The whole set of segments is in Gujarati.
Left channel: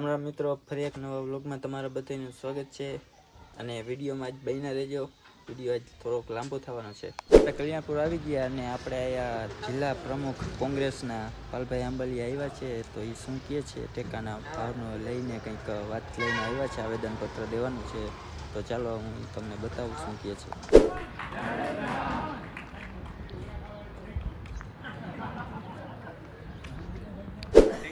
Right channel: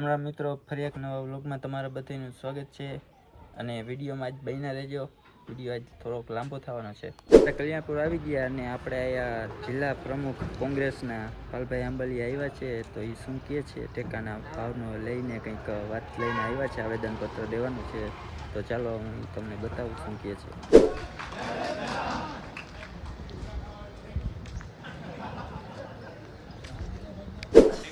અમારા મિત્રો, ફરી એક નવા વ્લોગમાં તમારા બધાનું સ્વાગત છે. અને વિડીયોમાં આજ બહીના રહેજો. વીડિયો આજ થોડોક લાંબો થવાનો છે. આપણે કલ્યાણપુર આવી ગયા અને આપણે અહીંયા જિલ્લા પ્રમુખ કોંગ્રેસના પાલભાઈ આંબલી આવ્યા છે. તો એ શું કહે છે? ટેકાના ભાવનો લઈને કંઈક વાત લઈને આવ્યા છે, આવેદનપત્ર દેવાનું છે. તો ચાલો હું તમને બતાવું શું કહે છે.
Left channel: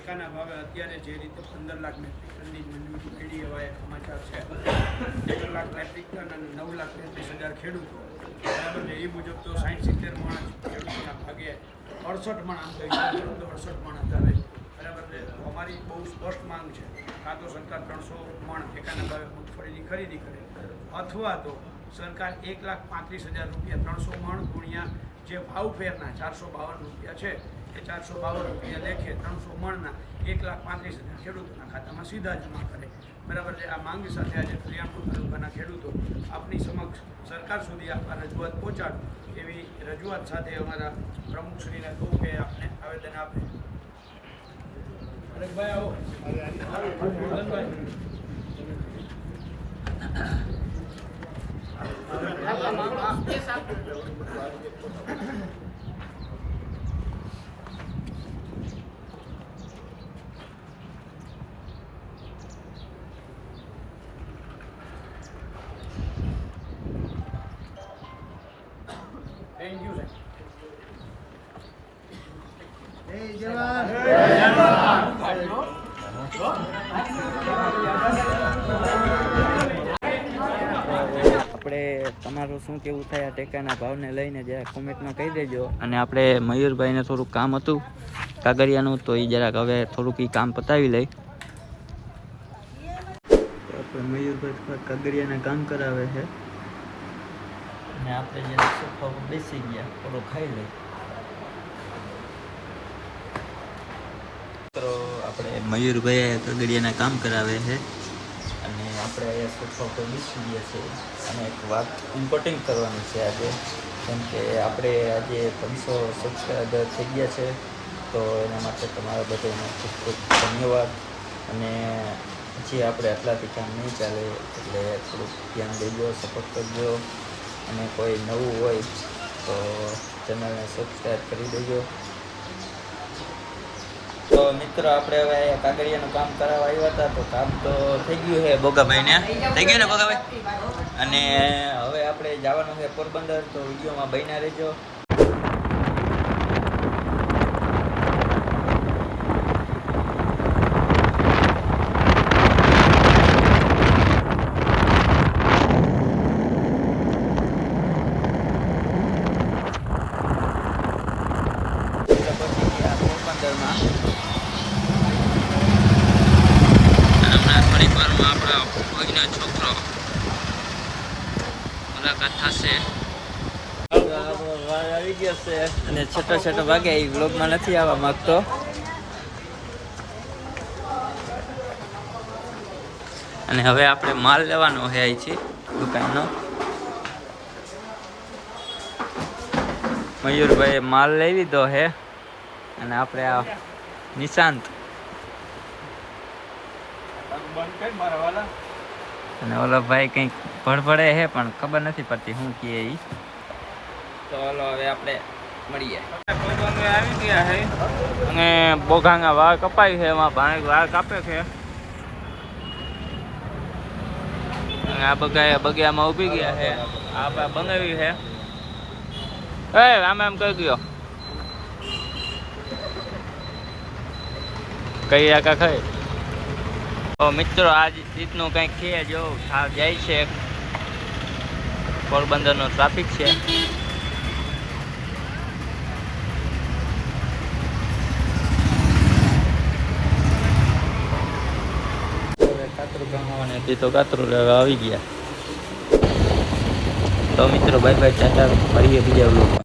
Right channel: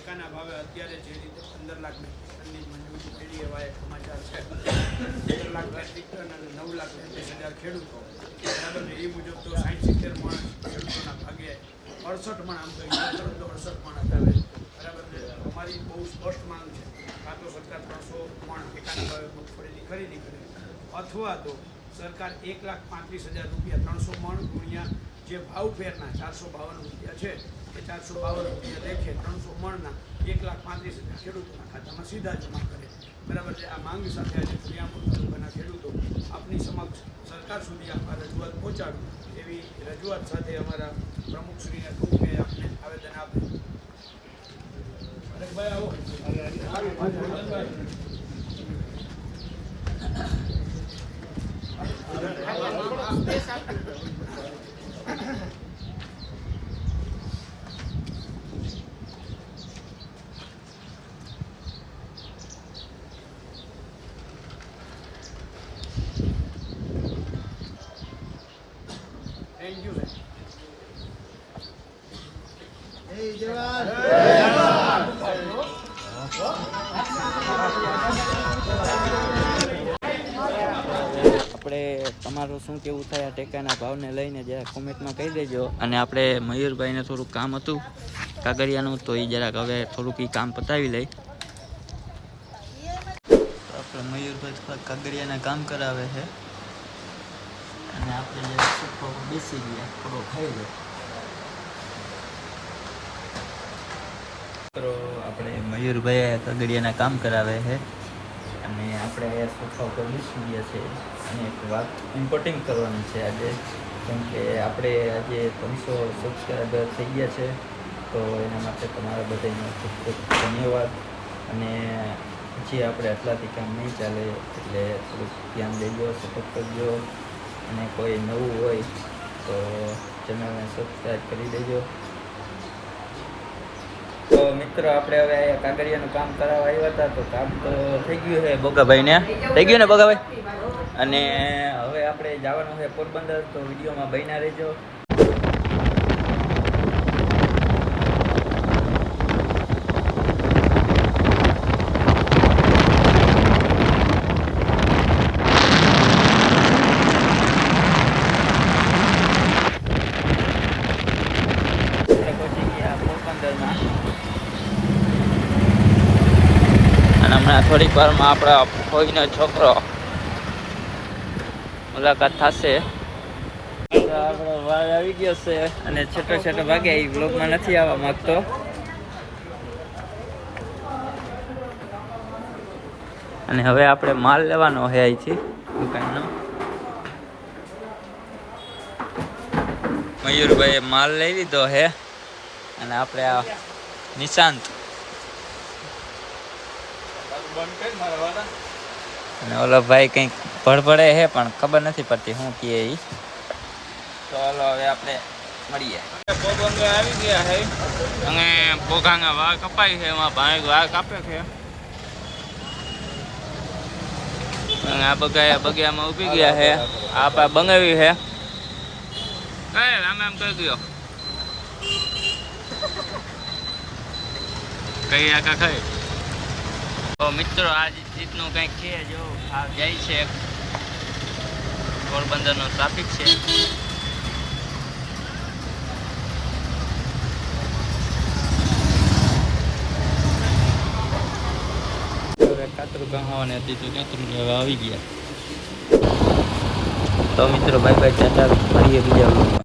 ટેકાના ભાવે અત્યારે જે રીતે પંદર લાખ મેટ્રિક ટનની જ મંજૂરી મળી એવા એક સમાચાર છે. પંદર લાખ મેટ્રિક ટન અને નવ લાખ તેત્રીસ હજાર ખેડૂતો. બરાબર છે એ મુજબ તો સાઠ સિત્તેર માણસ ખેડૂતોના ભાગે અડસઠ મણ આમ તો હિસાબ તો અડસઠ માણસ આવે. બરાબર છે અમારી બહુ સ્પષ્ટ માંગ છે. કાં તો સરકાર ત્રણસો મણ ટેકાના ભાવે મગફળીની ખરીદી કરે, અથવા તો સરકાર એક લાખ પાંત્રીસ હજાર રૂપિયા ત્રણસો મણ ગુણ્યા જે ભાવ ફેરના ચારસો બાવન રૂપિયા છે, એ ચારસો બાવન રૂપિયા લેખે ત્રણસો મણના એક લાખ પાંત્રીસ હજાર ખેડૂતોના ખાતામાં સીધા જમા કરે. બરાબર છે? આ માંગ સાથે આજે કલ્યાણપુર તાલુકાના ખેડૂતો આપની સમક્ષ સરકાર સુધી આપવા રજૂઆત પહોંચાડું એવી રજૂઆત સાથે અમારા પ્રમુખશ્રીને કહું કે આપને આવેદન આપે. અરે ભાઈ આવો. થેન્ક યુ આપણે તમારું શું કેવું થાય આ ટેકાના ભાવને લઈને જરા કોમેન્ટમાં કહી દેજો. અને આપણે મયુરભાઈને થોડુંક કામ હતું કાગરિયાનું તો એ જરાક હવે થોડુંક એ કામ પતાવી લઈ. આપણે મયુરભાઈ થોડાક કાગળિયાના કામ કરાવે છે. અને આપણે જ્યારે સોફા પર બેસી ગયા, થોડો ખાઈ લઈ મિત્રો, આપણે મયુરભાઈ આ કાગળિયાના કામ કરાવે છે અને આપણે અહીંયા સોફા પર બેસી ગયા છે. અને એક વાત ઇમ્પોર્ટિંગ કરવાની છે આજે, કેમ કે આપણે આજે ત્રણસો સબસ્ક્રાઈબર થઈ ગયા છે, તો એના માટે તમારા બધાનો ખૂબ ખૂબ ધન્યવાદ. અને જે આપણે આટલાથી કામ નહીં ચાલે, એટલે થોડુંક ધ્યાન દેજો, સપોર્ટ કરજો. અને કોઈ નવું હોય તો ચેનલને સબસ્ક્રાઈબ કરી દેજો. તો મિત્રો, આપણે હવે અહીંયા કાગળિયાનું કામ કરાવવા આવ્યા હતા, તો કામ તો થઈ ગયું છે. બોગાભાઈને થઈ ગયું ને બોગાભાઈ અને હવે આપણે જવાનું છે પોરબંદર, તો વિડીયોમાં બન્યા રહેજો આપણે પહોંચી ગયા પોરબંદરમાં અને હમણાં થોડીક વારમાં આપણા ફોઈનો છોકરો મુલાકાત થશે. અને છોટો છોટો ભાગે એ બ્લોગમાં નથી આવવા માંગતો. અને હવે આપણે માલ લેવાનો છે અહીંથી દુકાનનો. મયુરભાઈએ માલ લઈ લીધો છે અને આપણે આ નિશાંત. અને ઓલો ભાઈ કંઈક ભડભડે છે, પણ ખબર નથી પડતી શું કહે એ તો ઓલો હવે આપણે મળીએ. આવી ગયા છે અને બોઘાંગા વાળ કપાય છે, એમાં ભાઈ વાળ કાપે છે. અને આ બગા બગિયામાં ઊભી ગયા છે. આ પા બંગાવી છે. એ આમ એમ કહી ગયો કઈ આકા ખાય? તો મિત્રો, આ રીતનું કંઈક છે, જો આ જાય છે પોરબંદરનો ટ્રાફિક છે. કાતરું ગમાવાની હતી તો કાતરું આવી ગયા. તો મિત્રો બાય બાય ટાટા, મળીએ બીજા